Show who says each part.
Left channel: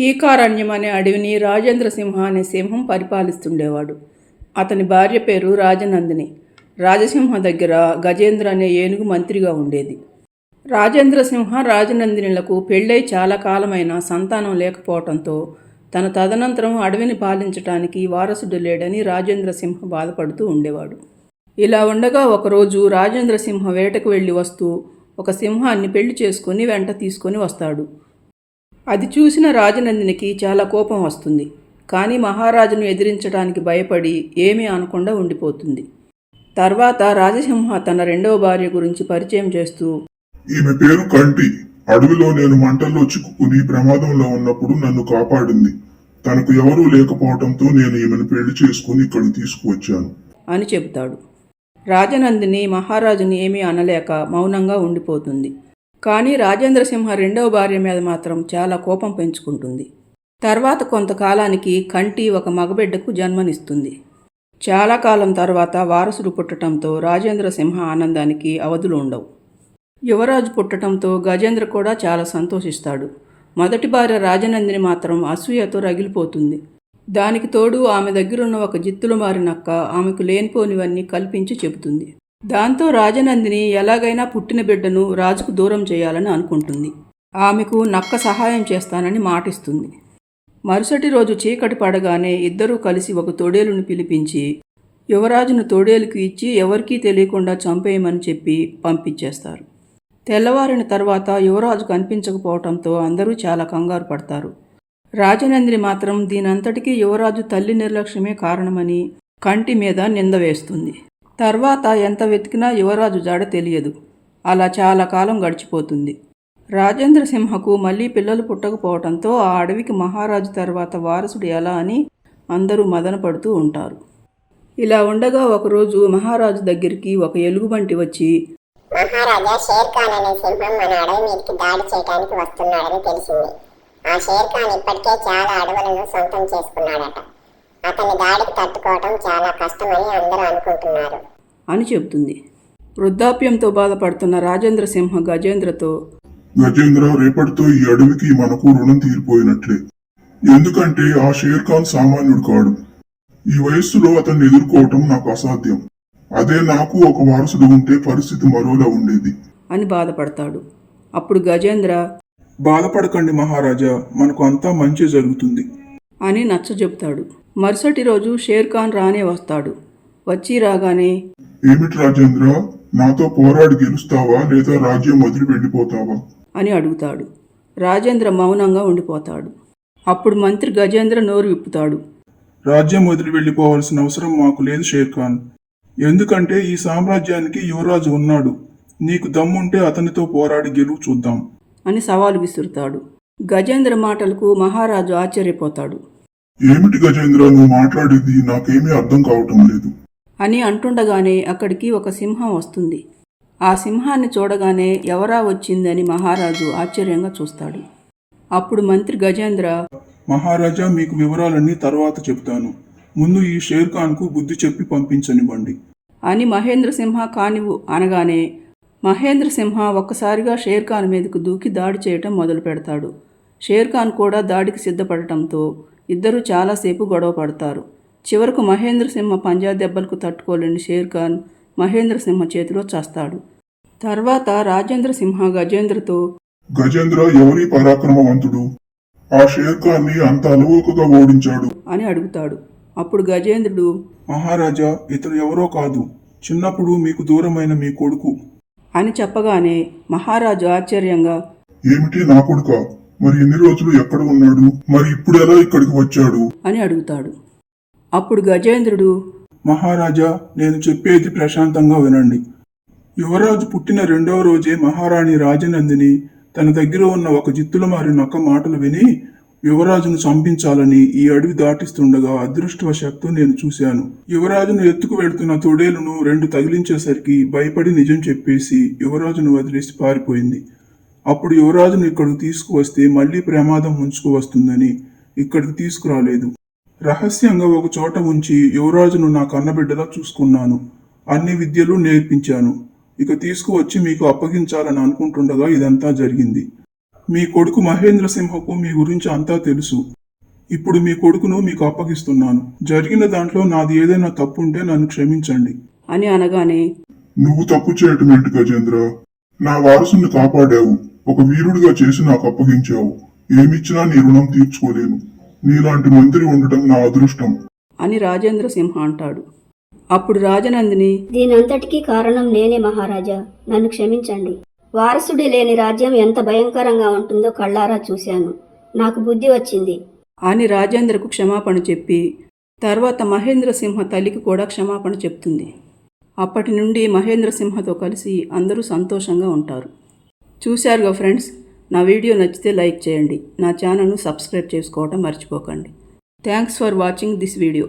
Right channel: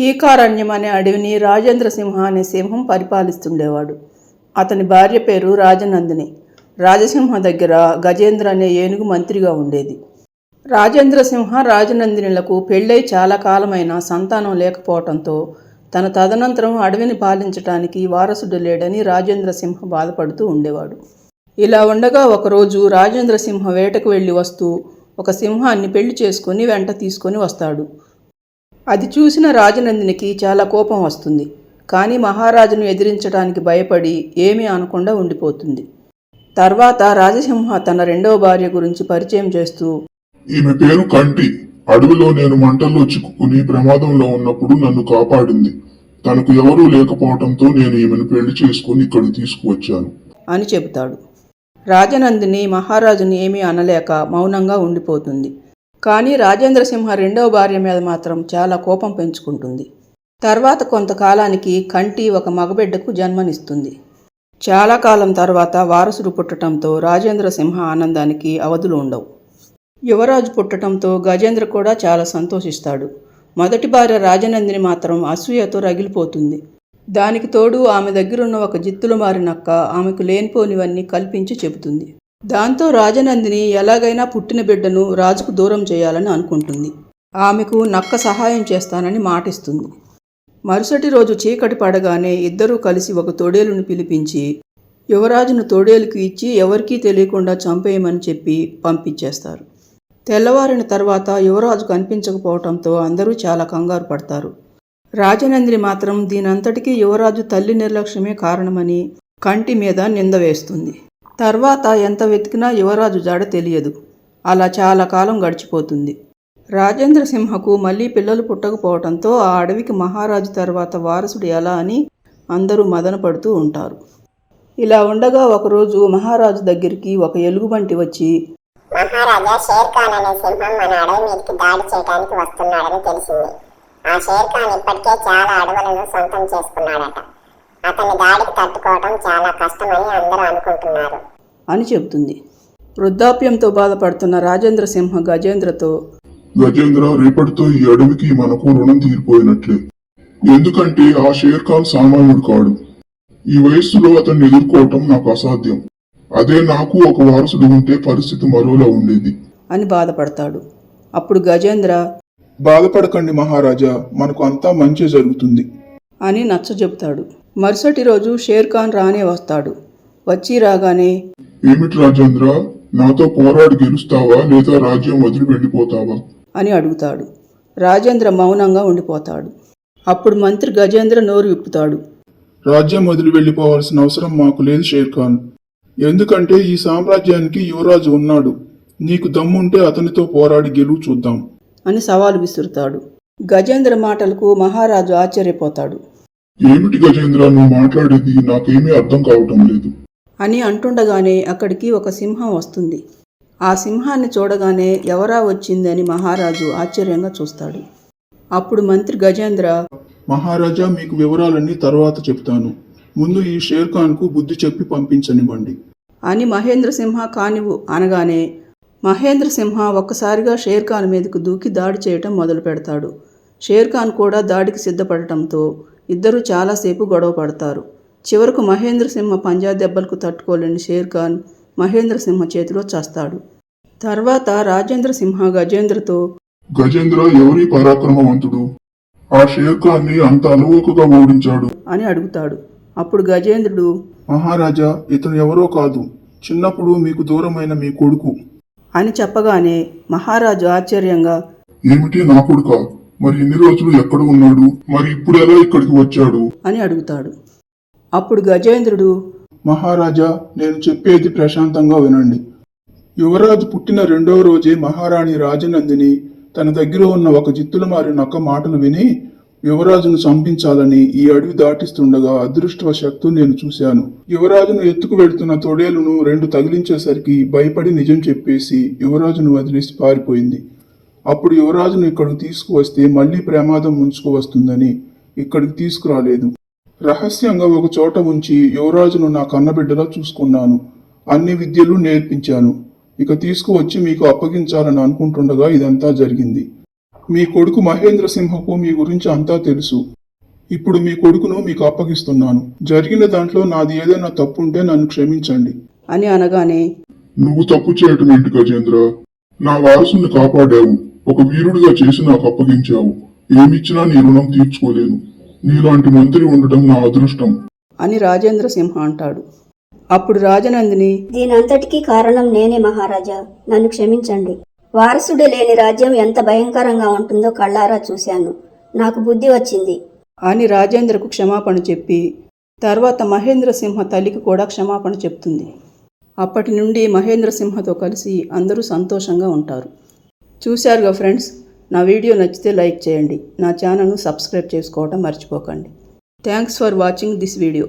Speaker 1: కీకారణ్యం అనే అడవిని రాజేంద్ర సింహ అనే సింహం పరిపాలిస్తుండేవాడు. అతని భార్య పేరు రాజనందిని. రాజసింహ దగ్గర గజేంద్ర అనే ఏనుగు మంత్రిగా ఉండేది. రాజేంద్ర సింహ రాజనందినులకు పెళ్ళై చాలా కాలమైన సంతానం లేకపోవడంతో తన తదనంతరం అడవిని పాలించటానికి వారసుడు లేడని రాజేంద్ర సింహ బాధపడుతూ ఉండేవాడు. ఇలా ఉండగా ఒకరోజు రాజేంద్ర సింహ వేటకు వెళ్ళి వస్తూ ఒక సింహాన్ని పెళ్ళి చేసుకుని వెంట తీసుకొని వస్తాడు. అది చూసిన రాజనందినికి చాలా కోపం వస్తుంది. కానీ మహారాజును ఎదిరించడానికి భయపడి ఏమీ అనకుండా ఉండిపోతుంది. తర్వాత రాజసింహ తన రెండవ భార్య గురించి పరిచయం చేస్తూ
Speaker 2: ఈమె పేరు కంటి. అడవిలో నేను మంటల్లో చిక్కుకుని ప్రమాదంలో ఉన్నప్పుడు నన్ను కాపాడింది. తనకు ఎవరూ లేకపోవడంతో నేను ఈమెను పెళ్ళి చేసుకుని ఇక్కడికి తీసుకువచ్చాను.
Speaker 1: అని చెబుతాడు. రాజనందిని మహారాజుని ఏమీ అనలేక మౌనంగా ఉండిపోతుంది. కానీ రాజేంద్రసింహ రెండవ భార్య మీద మాత్రం చాలా కోపం పెంచుకుంటుంది. తర్వాత కొంతకాలానికి కంటి ఒక మగబిడ్డకు జన్మనిస్తుంది. చాలా కాలం తర్వాత వారసుడు పుట్టడంతో రాజేంద్రసింహ ఆనందానికి అవధులు ఉండవు. యువరాజు పుట్టడంతో గజేంద్ర కూడా చాలా సంతోషిస్తాడు. మొదటి భార్య రాజనందిని మాత్రం అసూయతో రగిలిపోతుంది. దానికి తోడు ఆమె దగ్గరున్న ఒక జిత్తులు మారినక్క ఆమెకు లేనిపోనివన్నీ కల్పించి చెబుతుంది. దాంతో రాజనందిని ఎలాగైనా పుట్టిన బిడ్డను రాజుకు దూరం చేయాలని అనుకుంటుంది. ఆమెకు నక్క సహాయం చేస్తానని మాటిస్తుంది. మరుసటి రోజు చీకటి పడగానే ఇద్దరూ కలిసి ఒక తొడేలును పిలిపించి యువరాజును తొడేలుకు ఇచ్చి ఎవరికీ తెలియకుండా చంపేయమని చెప్పి పంపించేస్తారు. తెల్లవారిన తర్వాత యువరాజు కనిపించకపోవడంతో అందరూ చాలా కంగారు పడతారు. రాజనందిని మాత్రం దీనంతటికీ యువరాజు తల్లి నిర్లక్ష్యమే కారణమని కంటి మీద నింద వేస్తుంది. తర్వాత ఎంత వెతికినా యువరాజు జాడ తెలియదు. అలా చాలా కాలం గడిచిపోతుంది. రాజేంద్ర సింహకు మళ్ళీ పిల్లలు పుట్టకపోవడంతో ఆ అడవికి మహారాజు తర్వాత వారసుడు ఎలా అని అందరూ మదనపడుతూ ఉంటారు. ఇలా ఉండగా ఒకరోజు మహారాజు దగ్గరికి ఒక ఎలుగుబంటి వచ్చి
Speaker 3: మహారాజా అనే సింహం మన అడవి మీదకి దాడి చేయడానికి వస్తున్నాడని తెలిసింది. ఆ ఇప్పటికే చాలా అడవులను సొంతం చేసుకున్నాడట. అతని దాడికి తట్టుకోవడం చాలా కష్టమని అందరూ అనుకుంటున్నారు.
Speaker 1: అని చెబుతుంది. వృద్ధాప్యంతో బాధపడుతున్న రాజేంద్ర సింహ గజేంద్రతో
Speaker 2: గజేంద్ర రేపటితో ఈ అడవికి మనకు రుణం తీరిపోయినట్లే. ఎందుకంటే ఆ షేర్ ఖాన్ సామాన్యుడు కాడు. ఈ వయస్సులో అతన్ని ఎదుర్కోవటం నాకు అసాధ్యం. అదే నాకు ఒక వారసుడు ఉంటే పరిస్థితి మరోలా ఉండేది.
Speaker 1: అని బాధపడతాడు. అప్పుడు గజేంద్ర
Speaker 4: బాధపడకండి మహారాజా మనకు అంతా మంచి జరుగుతుంది.
Speaker 1: అని నచ్చజెప్తాడు. మరుసటి రోజు షేర్ ఖాన్ రానే వస్తాడు. వచ్చి రాగానే
Speaker 2: ఏమిటి రాజేంద్ర? నాతో పోరాడి గెలుస్తావా లేదా రాజ్యం వదిలి వెళ్ళిపోతావా?
Speaker 1: అని అడుగుతాడు. రాజేంద్ర మౌనంగా ఉండిపోతాడు. అప్పుడు మంత్రి గజేంద్ర నోరు విప్పుతాడు.
Speaker 4: రాజ్యం వదిలి వెళ్ళిపోవాల్సిన అవసరం మాకు లేదు షేర్ ఖాన్. ఎందుకంటే ఈ సామ్రాజ్యానికి యువరాజు ఉన్నాడు. నీకు దమ్ముంటే అతనితో పోరాడి గెలువు చూద్దాం.
Speaker 1: అని సవాలు విసురుతాడు. గజేంద్ర మాటలకు మహారాజు ఆశ్చర్యపోతాడు.
Speaker 2: ఏమిటి గజేంద్ర నువ్వు మాట్లాడేది నాకేమీ అర్థం కావటం లేదు.
Speaker 1: అని అంటుండగానే అక్కడికి ఒక సింహం వస్తుంది. ఆ సింహాన్ని చూడగానే ఎవరా వచ్చిందని మహారాజు ఆశ్చర్యంగా చూస్తాడు. అప్పుడు మంత్రి గజేంద్ర
Speaker 4: మహారాజా మీకు వివరాలన్నీ తర్వాత చెప్తాను. ముందు ఈ షేర్ ఖాన్కు బుద్ధి చెప్పి పంపించనివ్వండి.
Speaker 1: అని మహేంద్ర సింహ కానివు అనగానే మహేంద్ర సింహ ఒక్కసారిగా షేర్ ఖాన్ మీదకు దూకి దాడి చేయటం మొదలు పెడతాడు షేర్ ఖాన్ కూడా దాడికి సిద్ధపడటంతో ఇద్దరూ చాలాసేపు గొడవ పడతారు. చివరకు మహేంద్ర సింహ పంజా దెబ్బలకు తట్టుకోలేని షేర్ ఖాన్ మహేంద్ర సింహ చేతిలో చస్తాడు. తర్వాత రాజేంద్ర సింహ గజేంద్రతో
Speaker 2: గజేంద్ర ఎవరి పరాక్రమవంతుడు? ఆ షేర్ ఖాన్ని అంత అలవోకగా ఓడించాడు.
Speaker 1: అని అడుగుతాడు. అప్పుడు గజేంద్రుడు
Speaker 4: మహారాజా ఇతను ఎవరో కాదు. చిన్నప్పుడు మీకు దూరమైన మీ కొడుకు.
Speaker 1: అని చెప్పగానే మహారాజు ఆశ్చర్యంగా
Speaker 2: ఏమిటి నా కొడుకా? మరి ఎన్ని రోజులు ఎక్కడ ఉన్నాడు? మరి ఇప్పుడు ఎలా ఇక్కడికి వచ్చాడు?
Speaker 1: అని అడుగుతాడు. అప్పుడు గజేంద్రుడు
Speaker 4: మహారాజా నేను చెప్పేది ప్రశాంతంగా వినండి. యువరాజు పుట్టిన రెండవ రోజే మహారాణి రాజనందిని తన దగ్గర ఉన్న ఒక జిత్తుల మారి నక్క మాటలు విని యువరాజును చంపించాలని ఈ అడవి దాటిస్తుండగా అదృష్టవశాత్తు నేను చూశాను. యువరాజును ఎత్తుకు వెడుతున్న తొడేలును రెండు తగిలించేసరికి భయపడి నిజం చెప్పేసి యువరాజును వదిలేసి పారిపోయింది. అప్పుడు యువరాజును ఇక్కడికి తీసుకువస్తే మళ్ళీ ప్రమాదం ముంచుకు వస్తుందని ఇక్కడికి తీసుకురాలేదు. రహస్యంగా ఒక చోట ఉంచి యువరాజును నా కన్నబిడ్డలా చూసుకున్నాను. అన్ని విద్యలు నేర్పించాను. ఇక తీసుకువచ్చి మీకు అప్పగించాలని అనుకుంటుండగా ఇదంతా జరిగింది. మీ కొడుకు మహేంద్ర సింహకు మీ గురించి అంతా తెలుసు. ఇప్పుడు మీ కొడుకును మీకు అప్పగిస్తున్నాను. జరిగిన దాంట్లో నాది ఏదైనా తప్పుంటే నన్ను క్షమించండి.
Speaker 1: అని అనగానే
Speaker 2: నువ్వు తప్పు చేయటం ఏంటి గజేంద్ర? నా వారసుని కాపాడావు. ఒక వీరుడిగా చేసి నాకు అప్పగించావు. ఏమిచ్చినా నీ రుణం తీర్చుకోలేను. నీలాంటి మంత్రి ఉండటం నా అదృష్టం.
Speaker 1: అని రాజేంద్ర సింహ అంటాడు. అప్పుడు రాజనందిని
Speaker 5: దీనంతటికీ కారణం నేనే మహారాజా. నన్ను క్షమించండి. వారసుడే లేని రాజ్యం ఎంత భయంకరంగా ఉంటుందో కళ్ళారా చూశాను. నాకు బుద్ధి వచ్చింది.
Speaker 1: అని రాజేంద్రకు క్షమాపణ చెప్పి తర్వాత మహేంద్ర సింహ తల్లికి కూడా క్షమాపణ చెప్తుంది. అప్పటి నుండి మహేంద్ర సింహతో కలిసి అందరూ సంతోషంగా ఉంటారు. చూశారుగా ఫ్రెండ్స్? నా వీడియో నచ్చితే లైక్ చేయండి. నా ఛానల్ను సబ్స్క్రైబ్ చేసుకోవటం మర్చిపోకండి. Thanks for watching this video.